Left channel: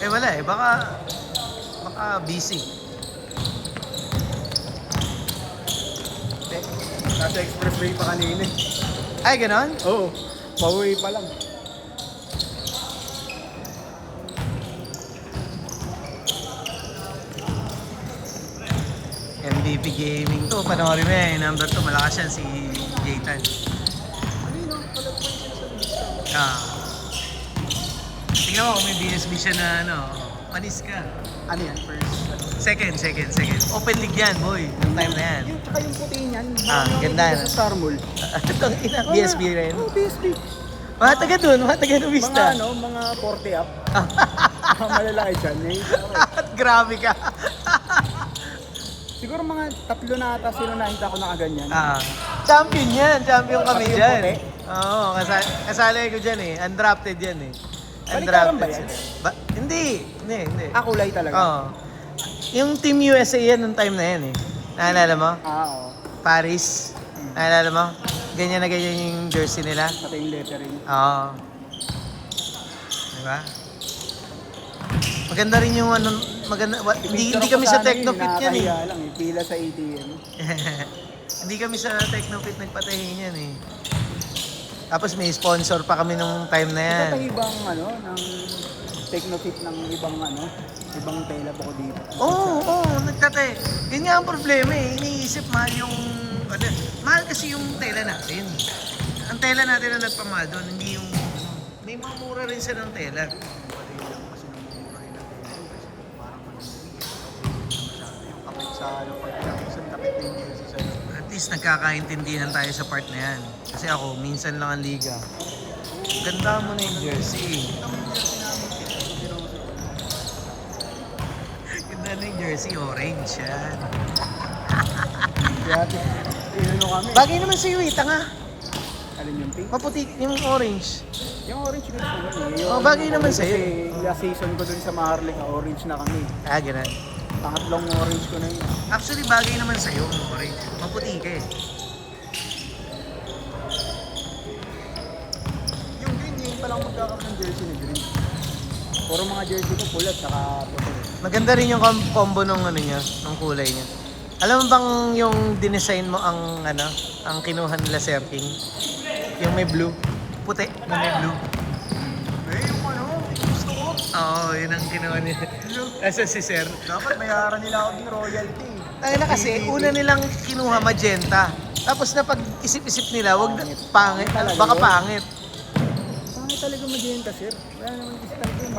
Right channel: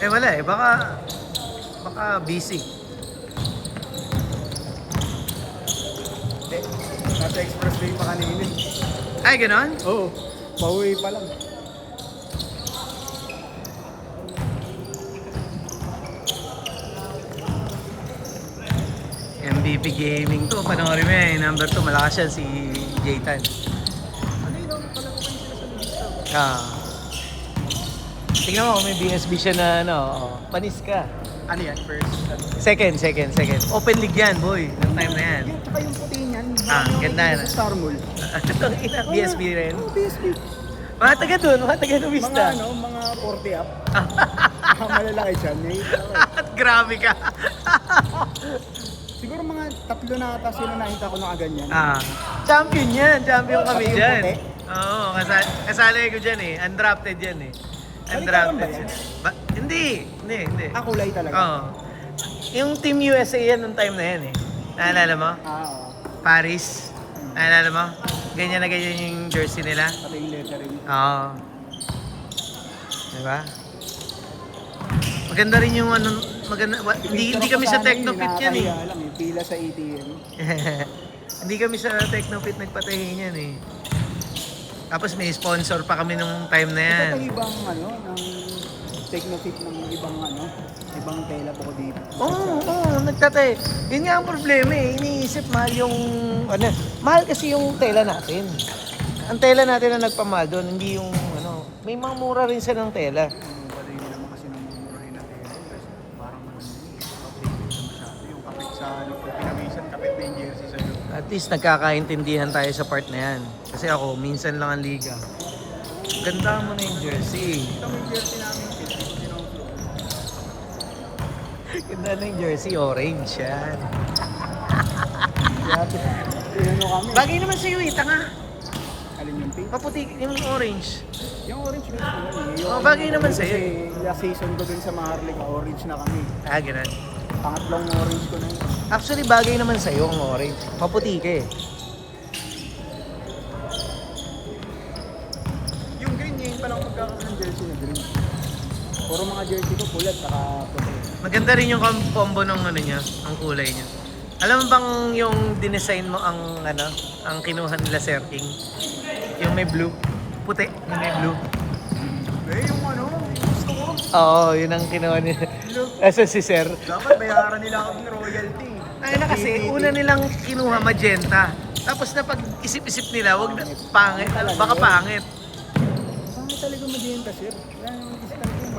Eh wala eh, baka busy. Nasa expressway pa kanina eh. Ay, ganon? Oo, pauwi pa lang. MVP Gaming to, panoorin mo yan. Number 2, malakas yan si Jaytan. Ah. Tingnan mo kung may BSB siya na ano, panis ka. Ano yan? First? Second. Open league yan, boy. Yung time na yan. Tsaka yung puti niyan. Ah, ganda yan. Sa Star Mall. Itong ina, BSB rin. Oo, BSB. Mga taga dun, mga taga Lumista. Mga 40 up. Mga malalaki siya. At grabe ka. Siguro mga 3 na ata sino nakita ko na ganyan. Champion yan. Champion kami Champion dyan. kami? Oo, kasali ko dyan eh. Undrafted yan eh. Balitaran ba yan? Hindi. Kulay talaga. Oo. Yung Team USA yan nung time na yan eh. Naalala mo? Oo. Paris. Naalala mo? Ganyan na ganyan yung jersey nila. Pati yung lettering. Oo. Diba? Maganda rin yung ano, hindi kami sa Technofit yan eh. Nakakahiya lang eh. Pila sa ATM. Hindi kami sa Technofit nagpatahin yan eh. Tapos may sponsor pa kami nung time na yan. Ito pa ibang ng Technofit ng ibang tela po dito. Oo, nagtatay. Yun nga ang problema eh. Iniisip mahal yung, mahal kasi yung tela natin. Ang tela natin ang nagpamahal doon, hindi yung, may mga mura rin sa ng tela. Pati lang kasi namumurahin na tela. Parang masyado yung kapit sa minsan kapit na yung jersey sa At least nagkakaintindihan tayo sa part na yan. Kasi ako, minsan lang ang liga. Ganda mo na yung jersey. Ang jersey namin, Ganda na yung jersey, orange yan. kami. Bagay naman sa'yo eh, tanga. Alin yung pink? Maputi yung orange. Yung orange na yun. Oh, bagay naman sa'yo. Kasi last season ko dun sa Maharlika, orange na kami. Ganun. Pangatlong orange ko na yun. Actually, bagay naman sa'yo ang orange. Maputi ka eh. Yung green, ngayon pa lang magkakaroon ng jersey yung green. Puro mga jersey ko pulat, Maganda rin yung combo ng niya, ang kulay niya. Alam mo bang yung dinesign mo ang kinuha nila setting? Yung may blue. Puti na may blue. yung gusto ko. Oo, yun ang kinuha ni si Sir. Dapat bayaran nila ako ng royalty. Ay na kasi, una nilang kinuha magenta. Tapos na pag isip-isip nila, wag na, pangit, baka pangit. Saan talaga magiging sir? Wala naman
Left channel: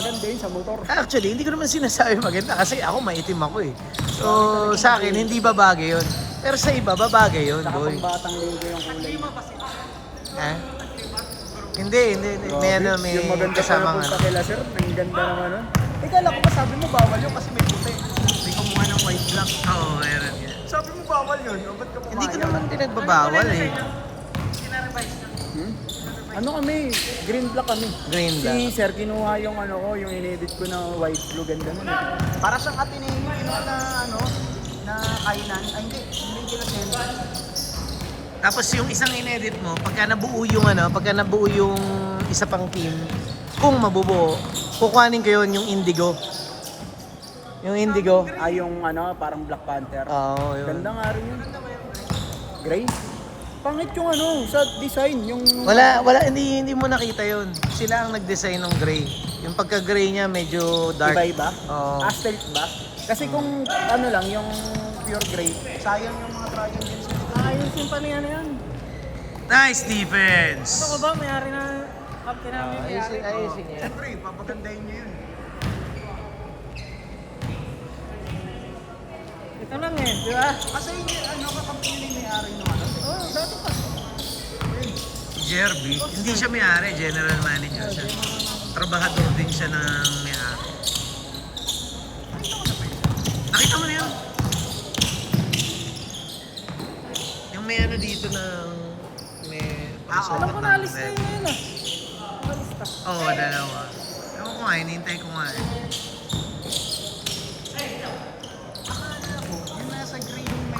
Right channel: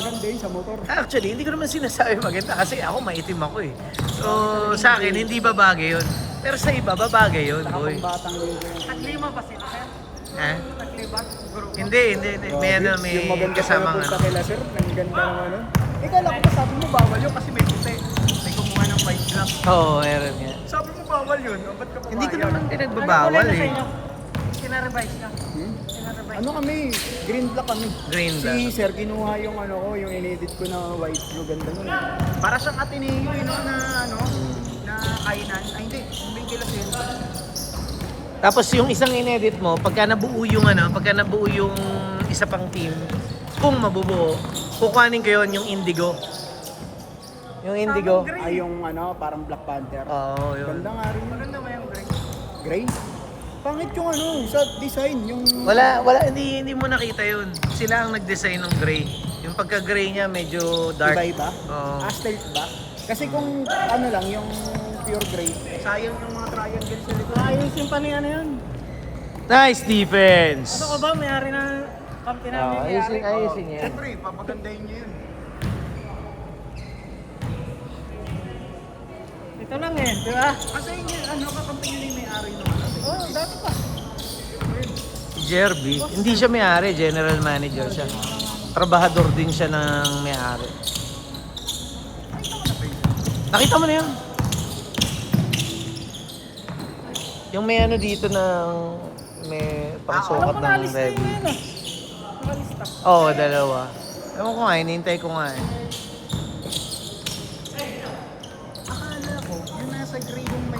maganda yun sa motor. Actually, hindi ko naman sinasabi maganda kasi ako maitim ako eh. So, sa akin, hindi babagay yun. Pero sa iba, babagay yun, boy. Pang batang ligo yung Taklima ba sila? Ha? Taklima? Hindi. May may yung maganda kasamang sa kila sir, ang ganda ng Ikaw lang ko sabi mo bawal yun kasi may puti. May kumuha ng white lang. Oo, meron nga. Sabi mo bawal yun, ba't ka Hindi ko naman pinagbabawal eh. Sinarevise na. Ano kami? Green black kami. Green Si black. sir kinuha yung yung inedit ko na white blue ganda nun. Para sa katinino na kainan. Ay hindi, hindi kila sensor. Tapos yung isang inedit mo, pagka nabuo yung isa pang team, kung mabubuo, kukuhanin ko yun yung indigo. Yung indigo. Ay yung parang Black Panther. Oo, yun. Ganda nga rin yun. Ganda ba yung gray? Gray? Pangit yung sa design, yung... Wala, hindi mo nakita yun. Sila ang nag-design ng gray. Yung pagka-gray niya medyo dark. Iba-iba? Oo. Asterisk ba? Kasi kung lang, yung pure gray, sayang yung mga triangle sa likod. Ayos yung panihan na yan. Nice defense! Ano ko ba? Mayari na kampi namin. Mayari. Ayusin niya. Siyempre, papagandahin niya yun. Ito lang eh, di ba? Kasi kakampi niya yung may-ari nyo. Jerby, hindi siya may-ari, general manager siya. Trabahador din siya ng may-ari. Nakita mo na yan? Yung may dito ng may pangsukat ng diving. Oo, dalawa. Ewan ko nga, hinihintay ko nga eh. Akala ko, yung nasa gray yung may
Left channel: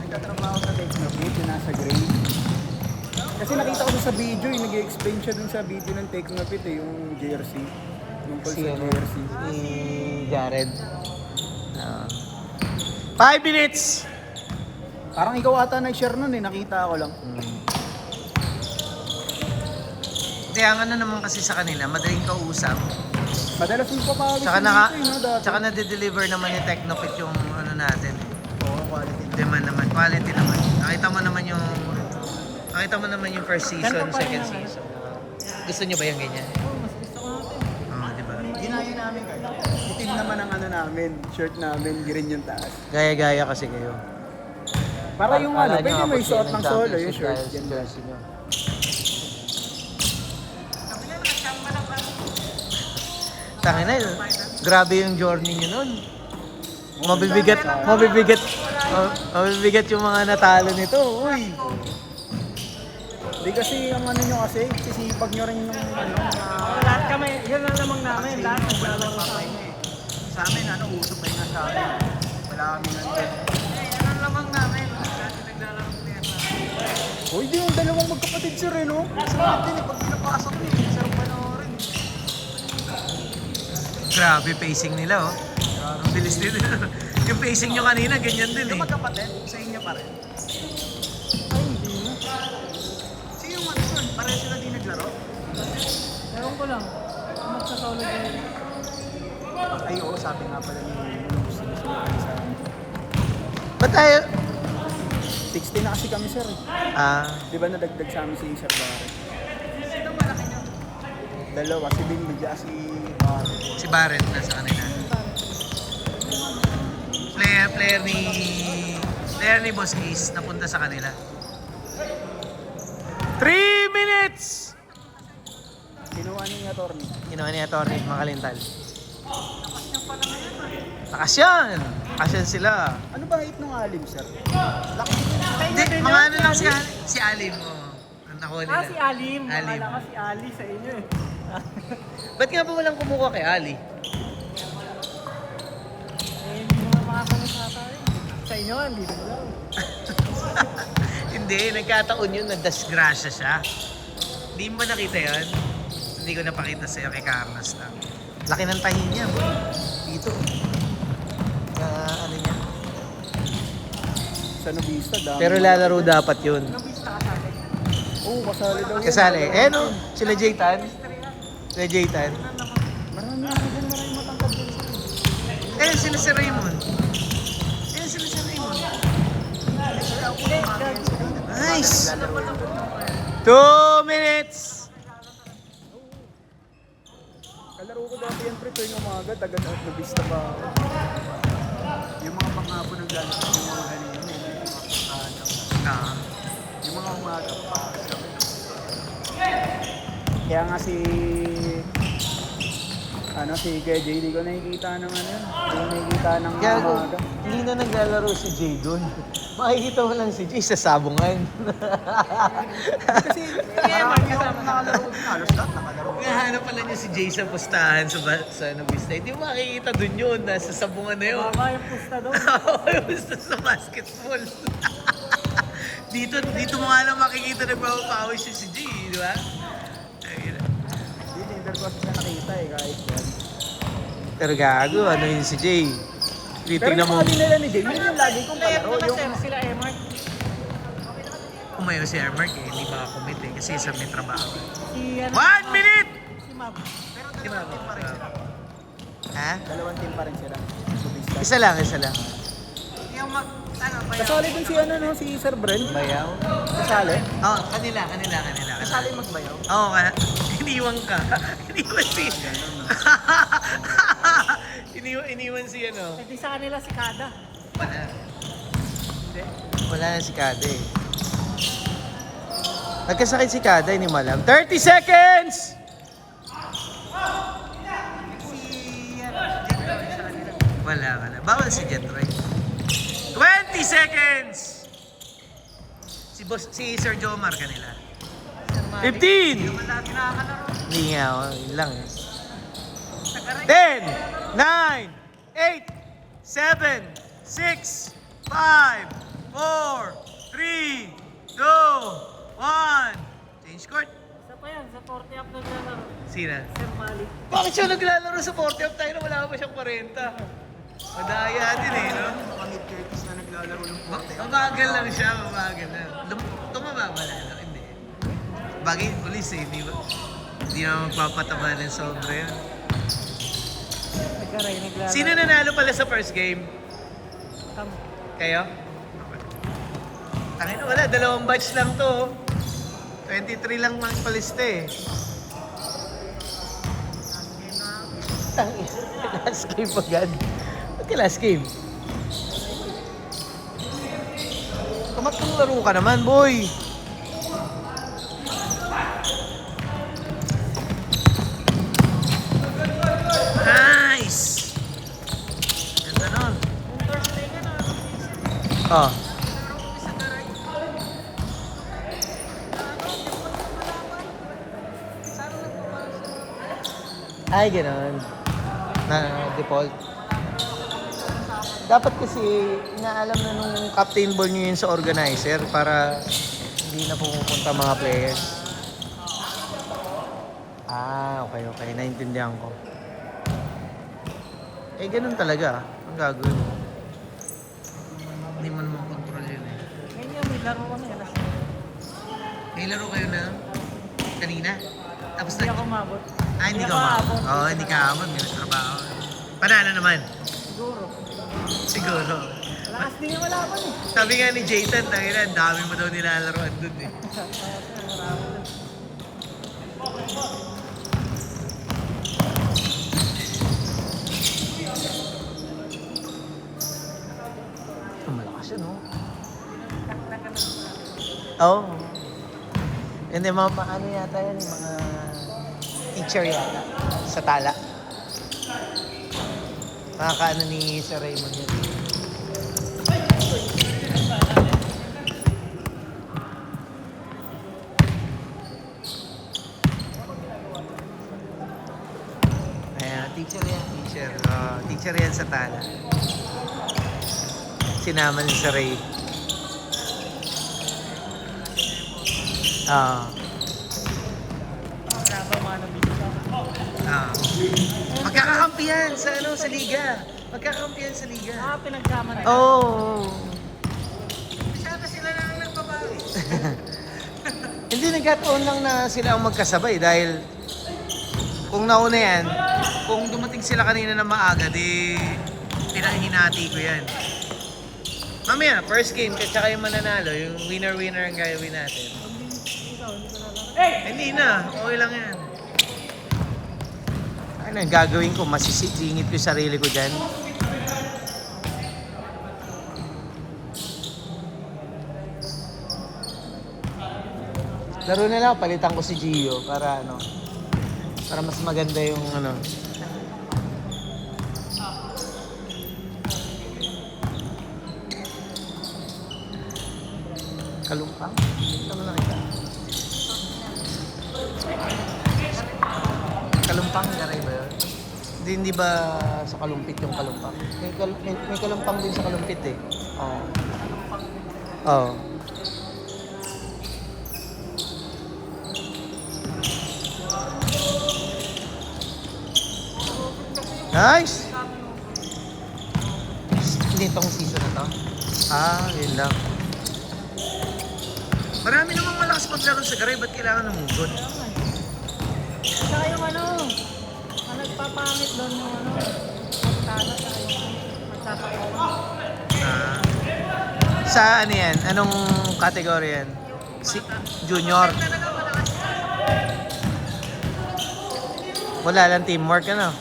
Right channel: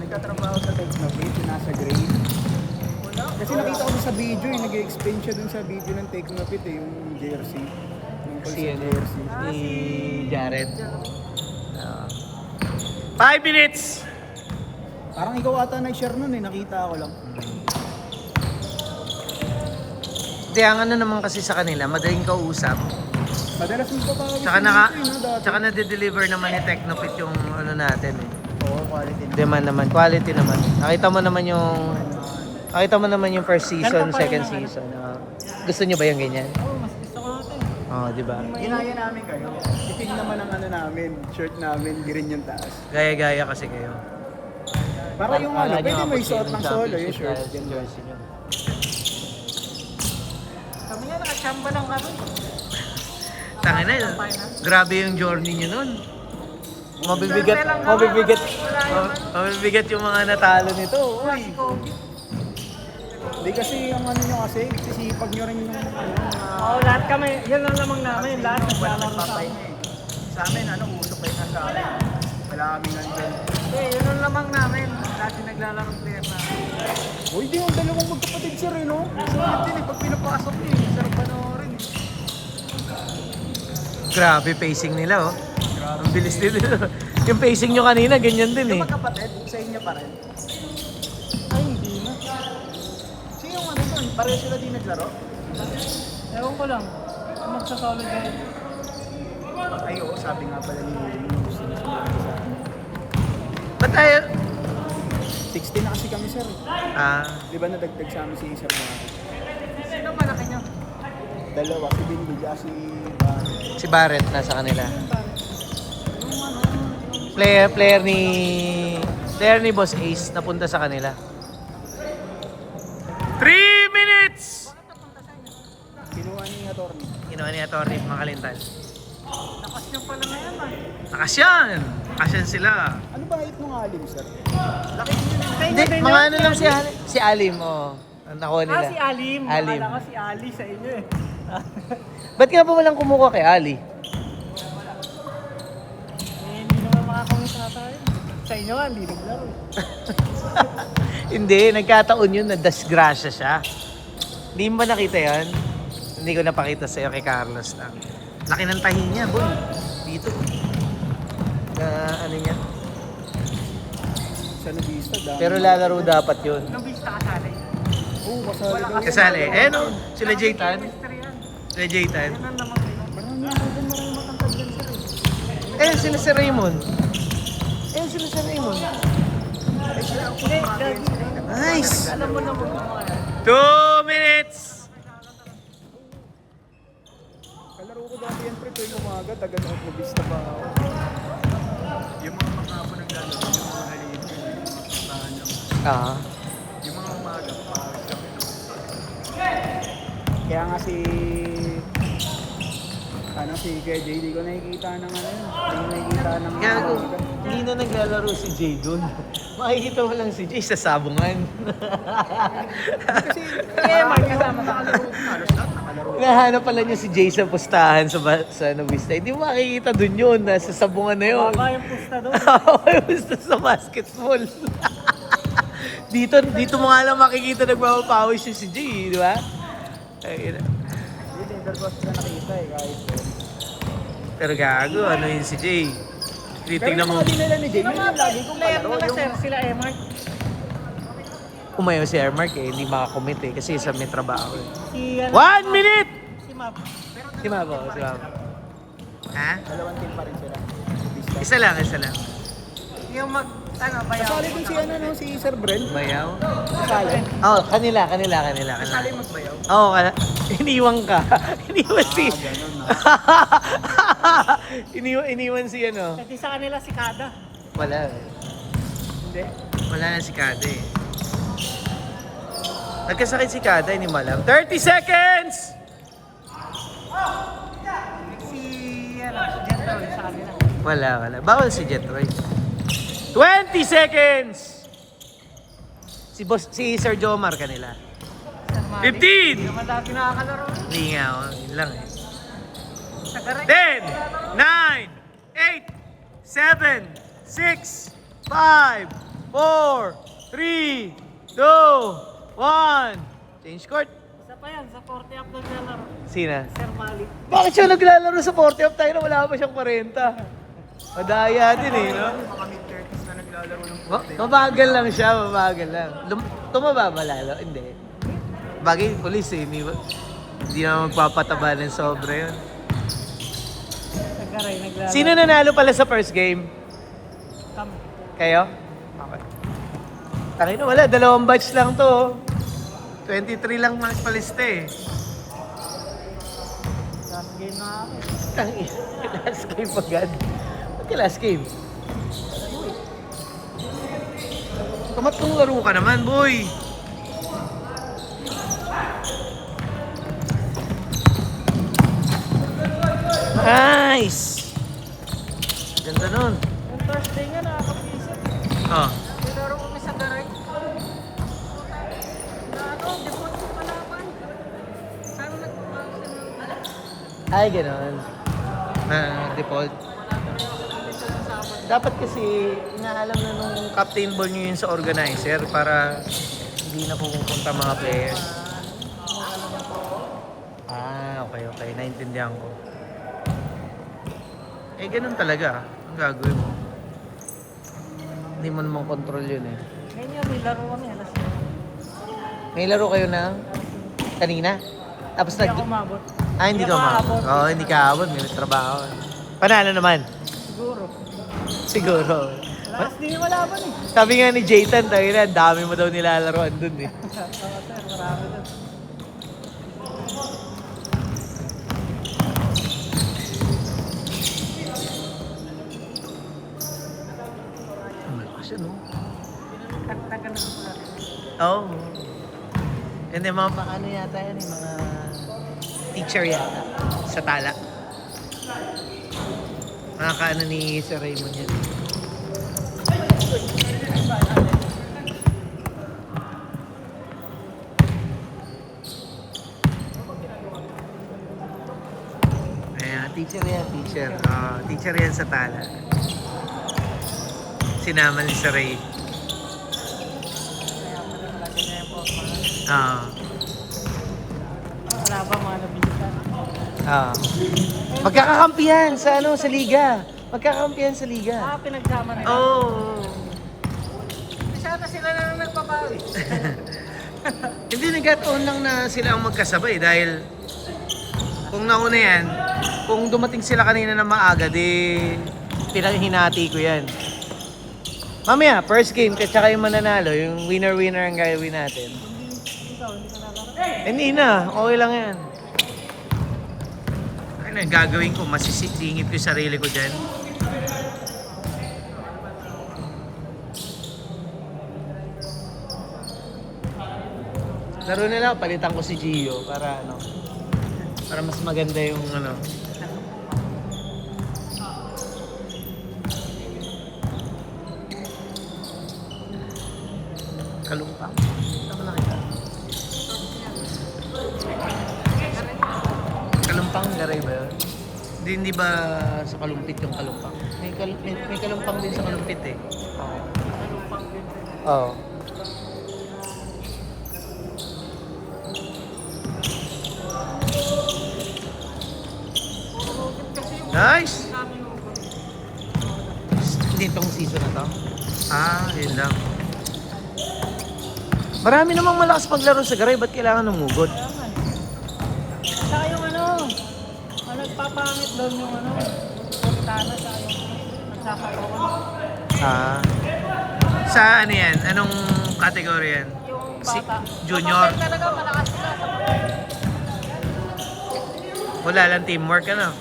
nagtatrabaho sa Technofit, yung nasa gray. Kasi nakita ko sa video, nag-explain siya dun sa video ng Technofit yung jersey. Yung Si, sa ano, jersey. si Jared. 5 minutes! Parang ikaw ata nag-share nun eh, nakita ko lang. Hindi, ang ano naman kasi sa kanila, madaling kausap. Madalas yung papawis Tsaka, dito eh, no, dati. tsaka nade-deliver naman ni Technofit yung ano natin eh. Oo, quality. Quality naman. Nakita mo naman yung first season, second season. Gusto niyo ba yung ganyan? Oo, di ba? Ginaya namin kayo. Buting naman ang ano namin, shirt namin, di rin yung taas. Gaya-gaya kasi kayo. Para yung ano, Akala niyo pwede abot may kayo suot ng solo yung championship shirt. dahil sa jersey niyo. Kami na, nakachamba lang kami. Tangina yun. Grabe yung journey niyo nun. Mabibigat yung mga natalo nito. Di kasi yung ano nyo kasi, sisipag nyo rin yung Oo, lahat kami, yun lang namang namin. Lahat Sino, wala nagpapahinga eh. Sa amin, ano, uso pa na sa amin. Wala kami ano. yun lang namang namin. Lagi naglalaro player na. Uy, di yung dalawang magkapatid sir eh, no? Sarap din eh, pag pinapasok eh. Sarap panoorin eh. Grabe pacing nila oh. Ang bilis nila. Yung pacing nyo kanina, ganyan din Yung eh. magkapatid, sa inyo pa rin. Ay, hindi mo. Sino yung ano son? Pareho sila din naglaro? Ewan ko lang. Magsasauli din. Ay, oo, sabi nga pala. Ba't tayo? 60 na kasi kami sir eh. Di ba nadagdag sa amin si Sir Barry? Sino malaki niyo? Dalawa, si Binibigya, si... Si Barrett nasa kanila. Player ni Boss Ace napunta sa kanila. 3 minutes! Kinuha ni Atty. Ginawa ni Atty. Makalintan. Lakas niyo pala ngayon ah. Takas yan! Takas yan sila. Ano bang hit nung alim sir? Hindi, mga ano lang si Alim. Oh. Ang nakuha nila. Si Alim. Alim. Akala ko si Ali sa inyo eh. Ba't kaya ba walang kumuha kay Ali? Sa inyo, hindi naman. Hindi, nagkataon yun na disgrasya siya. Hindi mo ba nakita yan? Hindi ko napakita sa'yo kay Carlos lang. Laki ng tahi niya, boy. Dito. Ano niya? Sa Nobista, dami. Pero lalaro dapat yun. Nabista kasali. Oo, kasali daw. Kasali. Eh no, sila Jaytan. Sila Jaytan. Eh, sila si Raymond. Eh, sila si Raymond. Nice! 2 minutes! Kalaro ko dati yan, pre, tuwing umaga, taga sa Nobista pa. Yung mga po naglalaro, yung mga halino, yung mga puntahan lang. Yung mga umaga, parang kami ng kaya nga si Kuya Jay, di ko nakikita ng ano yun. Di ko nakikita ng Gago, umaga. hindi na naglalaro si Jay doon. Makikita mo lang si Jay sa sabungan. Kasi, halos lahat nakalaro. Nahanap pala niya si Jay sa pustahan sa Novista. Hindi mo makikita doon yun. Nasa sabungan na yun. Baka yung pista doon. May gusto sa basketball. dito mo nga lang makikita nagpapawis si Jay, di ba? Ayun. Pero gago, ano yun si Jay? Dito Pero na yung mo. mga nila ni Jay, yun yung lagi kong Player kalaro. na sir, sila Emart. Umayo si Airmark eh, hindi makakommit eh, kasi sa may trabaho. Si, 1 minute! si Map. Si Mago. Ha? Dalawang team pa rin sila. Isa lang. Yung bayaw. Kasali din si ano, no, si Sir Bren. Bayaw? Kasali. Oh, kanila. Kasali magbayaw. Oo, iniwan ka. Iniwan si... iniwan si ano. Pati sa kanila si Kada. Wala. Wala na si Kada eh. Nagkasakit si Kada, hindi mo alam. 30 seconds! Si General sa kanila. Wala. Bawal si Jetroy. 20 seconds! Si Sir Jomar kanila. 15! Malaki nakakalaro. Hindi nga, yun lang. Sa karek. 10, 9, 8, 7, 6, 5, 4, 3, 2, 1. Change court. Isa pa yan, sa 40 up na lang. Sina? Bakit siya naglalaro sa 40 of tayo na wala pa siyang 40? Madaya din eh, no? Yung mga mid-30s na naglalaro ng Mabagal lang siya, mabagal lang. Tumaba ba lalo? Hindi. Bagay pulis eh, hindi naman magpapataba ng sobra yun. Sino nanalo pala sa first game? Kayo? Okay. Tangina wala, 2 batch lang to. 23 lang magpalista eh. Tangina, last game agad. Okay, last game. Kamatong laro ka naman, boy. Nice! Ganda nun. Oh. Laro kami sa garay. Default yung palaban. Saan nagpapasa na? Ay, ganun. Na default. Dapat kasi inaalam na nung captain ball nyo yun sa organizer para hindi na pupunta mga players. Ah, okay. Naintindihan ko. Eh, ganun talaga. Ang gagawin mo. Hindi mo naman control yun eh. May laro kayo na kanina? Tapos hindi ka umabot. Oo, hindi ka abot. May trabaho. Panalo naman? Siguro. Last game wala pa eh. Sabi nga ni Jayton, tayo na, dami mo daw nilalaroan dun eh. Malakas yun, no? Taktakan na sa Oo. Hindi, mga ano yata yan, mga teacher yata sa tala. Nakakaano ni Sir Raymond yun. Ayan, teacher yan, teacher. Teacher yan sa tala. Sinama ni Sir Ray. Magkakakampihan sa sa liga. Magkakakampihan sa liga. Pinagsama na. Oo. Masyado sila na lang nagpabawi. Hindi, nagkataon lang na sila ang magkasabay dahil kung nauna yan, kung dumating sila kanina na maaga, di hinati ko yan. Mamaya, first game, kasi kayo mananalo, yung winner-winner ang gagawin natin. Hindi na, okay lang yan. Ano yung gagawin ko? Masisingit ko yung sarili ko dyan. Laro nila, palitan ko si Gio para para mas maganda yung kalumpang. Kalumpang, garay ba yun? Hindi ba sa kalumpit yung kalumpang? May kalumpang din sa kalumpit eh. Oo. Nice! Hindi tong season na to? Ah, yun lang. Marami namang malakas maglaro sa garay, ba't kailangan umugot? Saka yung nagpapamit doon yung Ah. Sa ano yan? Anong category yan? Junior? talaga malakas sila sa mga Wala lang teamwork ano?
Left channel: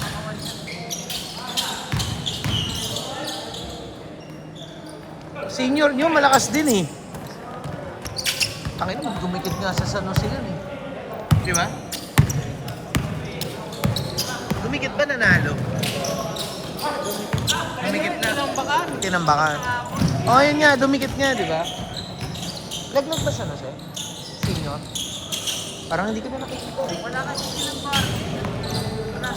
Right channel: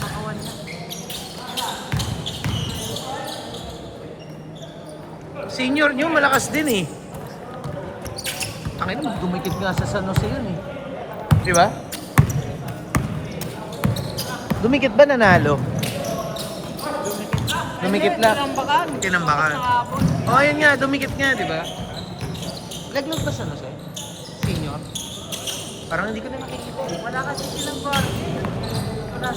kawan yan. Senior nyo malakas din eh. Pakita mo, dumikit nga sa San Jose yun eh. Di ba? Dumikit ba nanalo? Dumikit na. Tinambakan. Oh, yun nga, dumikit nga, di ba? Laglag ba San Jose? Senior? Parang hindi ko na nakikita. Wala kasi silang guard. Wala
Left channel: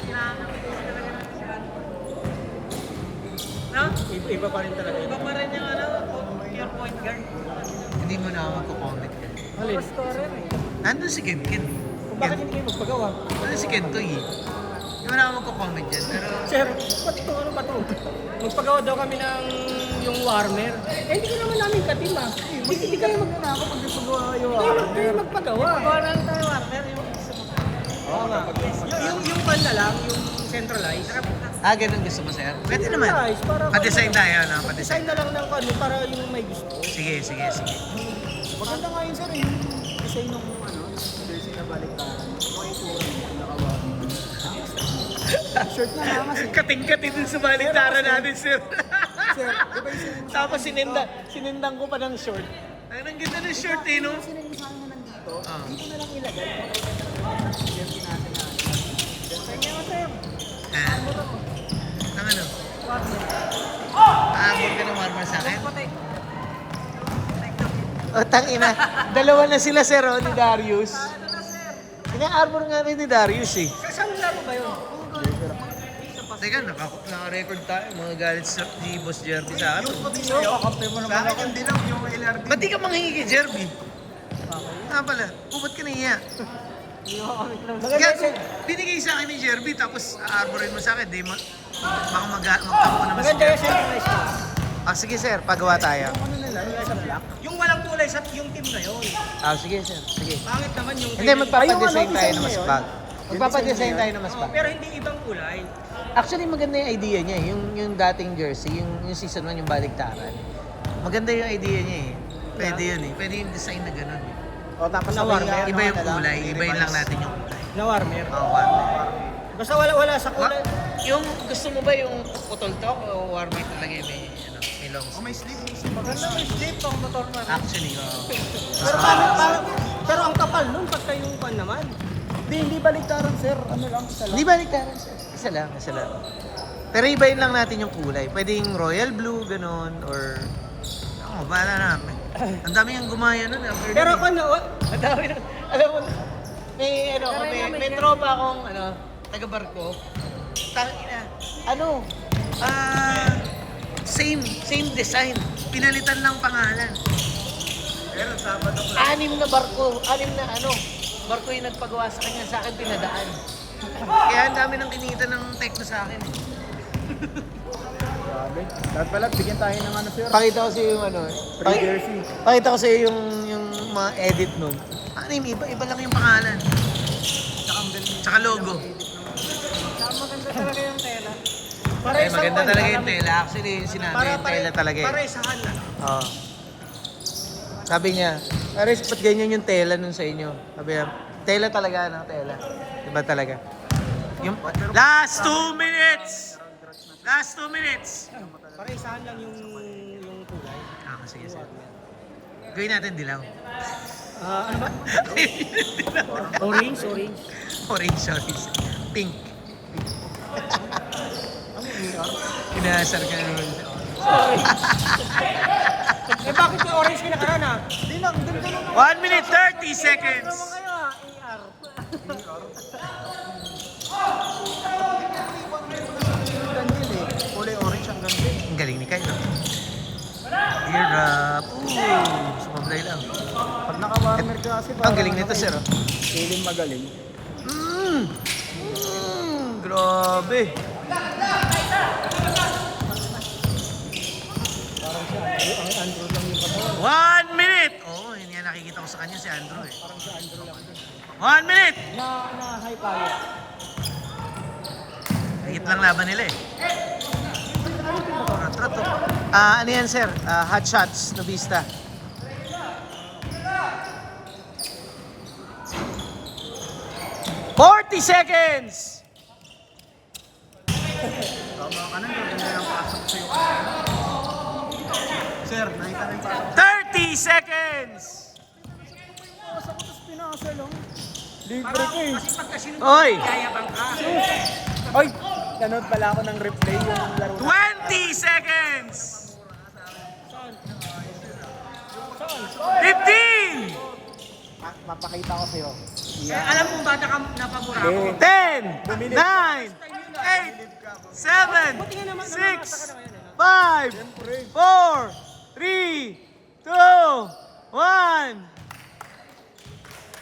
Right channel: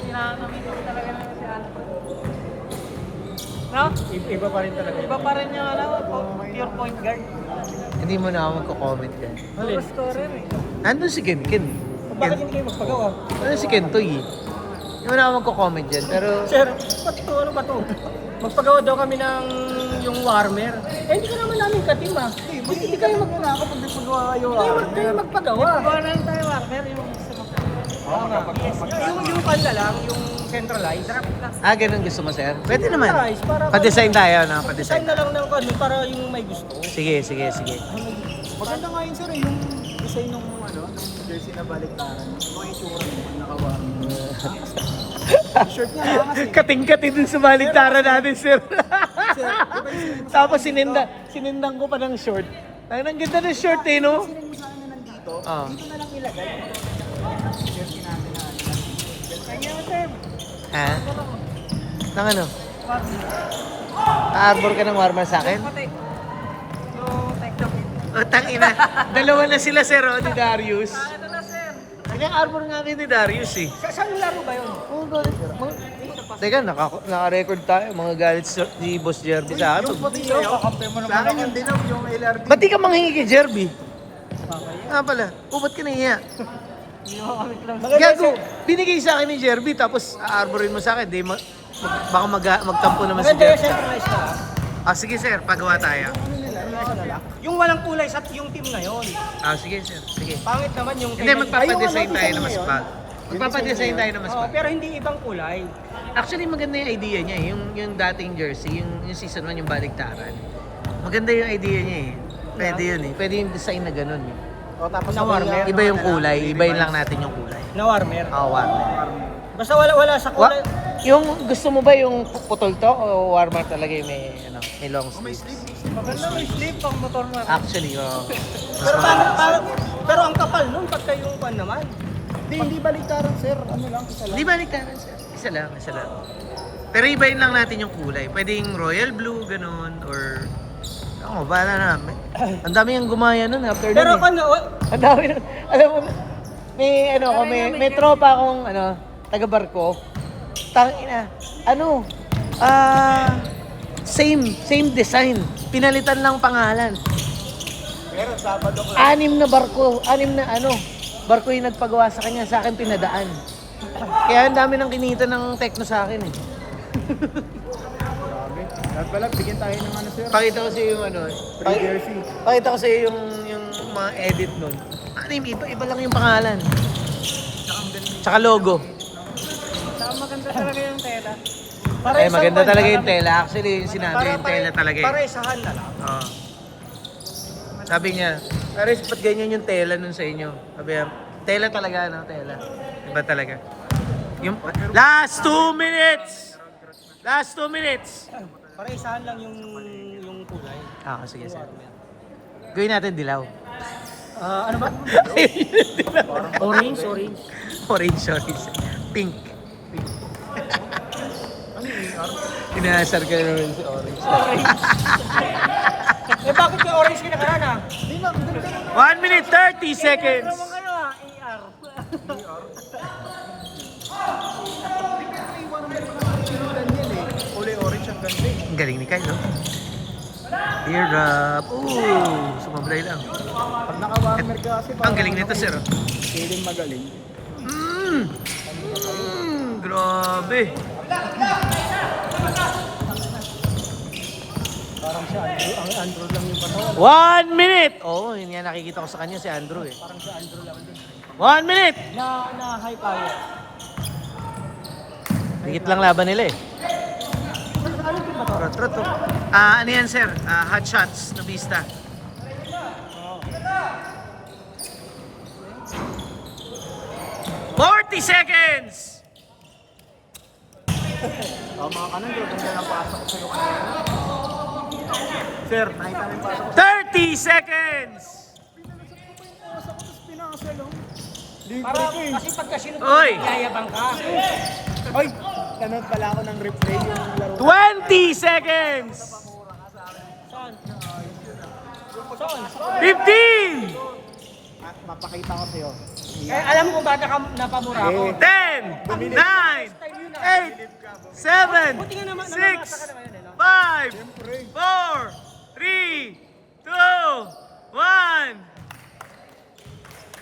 hinahanap ko talaga ng hinahanap ko. No? Iba pa rin talaga. Iba pa rin yung pure point guard. Hindi mo na ako magko-comment yan. Alin? Nandun si Ken. Ken. Bakit hindi kayo magpagawa? Nandun si Ken Toy eh. Hindi mo na ako magko-comment yan. Pero Sir, ano ba to? Magpagawa daw kami ng yung warmer. Eh, hindi ka naman namin katim ah. Hindi kayo magpagawa kung gusto mo yung warmer. Hindi kayo magpagawa. Yung kanya lang, yung centralized. ganun gusto mo, sir? Pwede naman. Pa-design tayo, no? Pa-design. Design na lang ng kanya para yung may gusto. Sige. Maganda nga yun sir, yung design ng jersey na baliktaran. Shirt niya lang kasi. Kating-kating din sa baliktaran natin, sir. Sir, Tapos sinindang ko pa ng short. Ay, ang ganda ng short eh, no? Ah. Ha? Nang ano? Aabor ka ng warmer sa akin? O, tangina. Dalawa na sila, sir, oh, ni Darius. Kanyang arbor nga rin ni Darius, eh. saan mo lang ba yun? Oo, galing. Teka, naka-record tayo. Mga galit ni Boss Jerby sa amin. Yung puti sa'yo, sa akin yung dilaw, yung LRD. Ba't di ka manghingi kay Jerby? Ah pala, ba't ka nahiya? Gago, binigay sa akin ni Jerby tapos aarborin mo sa akin. Di baka magtampo naman si Maganda yung Jerby. centralized ka. Ah, sige sir, pagawa tayo. Yung walang kulay sa yung team na yun. Ah, sige sir, sige. Pangit naman yung Hindi, magpapadesign tayo na mas pa. Magpapadesign tayo na mas pa. Pero hindi ibang kulay. Actually, maganda yung idea niya eh. Yung dating jersey, yung season 1, yung baliktaran. Maganda yung idea niya eh. Pwede yun eh. Pwede yung design na ganun eh. O tapos na warmer. Iba yung kulay, ibayin lang natin yung kulay. Na warmer. Oh, warmer. Basta wala sa kulay. Yung gusto mo ba yung putol to o warmer talaga yung may long sleeve? May sleeve pag motor na. Actually, mas Pero, maganda. pero ang kapal nun, pagka yung pan naman. Hindi baliktaran sir. Ano lang, isa lang. Hindi ba nagkaroon siya? Isa lang. Pero ibayin lang natin yung kulay. Pwede yung royal blue, ganun, or... Ako, bahala na. Ang dami yung gumaya nun. After Pero nun, kung ang dami nun. Alam mo, may tropa akong, taga-barko. Same design. Pinalitan lang pangalan. Pero Sabado ko. Anim na barko yung nagpagawa sa kanya, sa akin pinadaan. Kaya ang dami ng kinita ng Tekno sa akin. At pala, bigyan tayo ng ano sir. Pakita ko sa iyo Free jersey. pakita ko sa iyo yung mga edit nun. Anim, iba lang yung pangalan. Tsaka logo. Ay, maganda talaga yung tela. Actually, yung sinabi yung tela talaga eh. Para isahan na. Oo. Sabi niya, Aris, ba't ganyan yung tela nun sa inyo? Sabi niya, tela talaga, tela. Iba talaga. Yung, last 2 minutes! Last 2 minutes! Para isahan lang yung kulay. Ah, sige, sige. Gawin natin dilaw. Ano ba? Orange. Orange. Pink. Inaasar ka naman si Orange. Eh bakit may orange kinakain ah? 1 minute 30 seconds! Ang galing ni Kyle, no? Teardrop. Ooh, sumablay lang. Ang galing nito, sir. Oh. Feeling magaling. Grabe. Parang si Andrew, ang Andrew lang yung patawan. 1 minute! Oo, yun nga nakikita ko sa kanya si Andrew eh. Parang si Andrew lang din. 1 minute! Na high power. Higit lang laban nila eh. Trot. Ano yan, sir? Hot shots, Nubista. "40 seconds! Tama ka na, ganda ng pasok sa'yo kanina. Sir, nakita na yung pasok. 30 seconds! Pinasa lang. Libre ko eh. Kasi pagka Oy! sinayabang ka. Oy! Nanood pala ako ng replay yung mga laro. 20 seconds! 15! Mapakita ko sa'yo. Alam mo kung bakit napamura ako? 10, 9, 8, 7, 6, 5, 4, 3, 2, 1.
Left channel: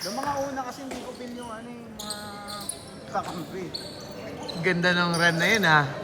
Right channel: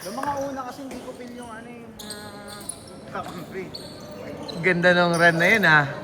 Yung mga una kasi hindi ko pin yung ano yung mga kakampi. Ganda ng run na yun, ha?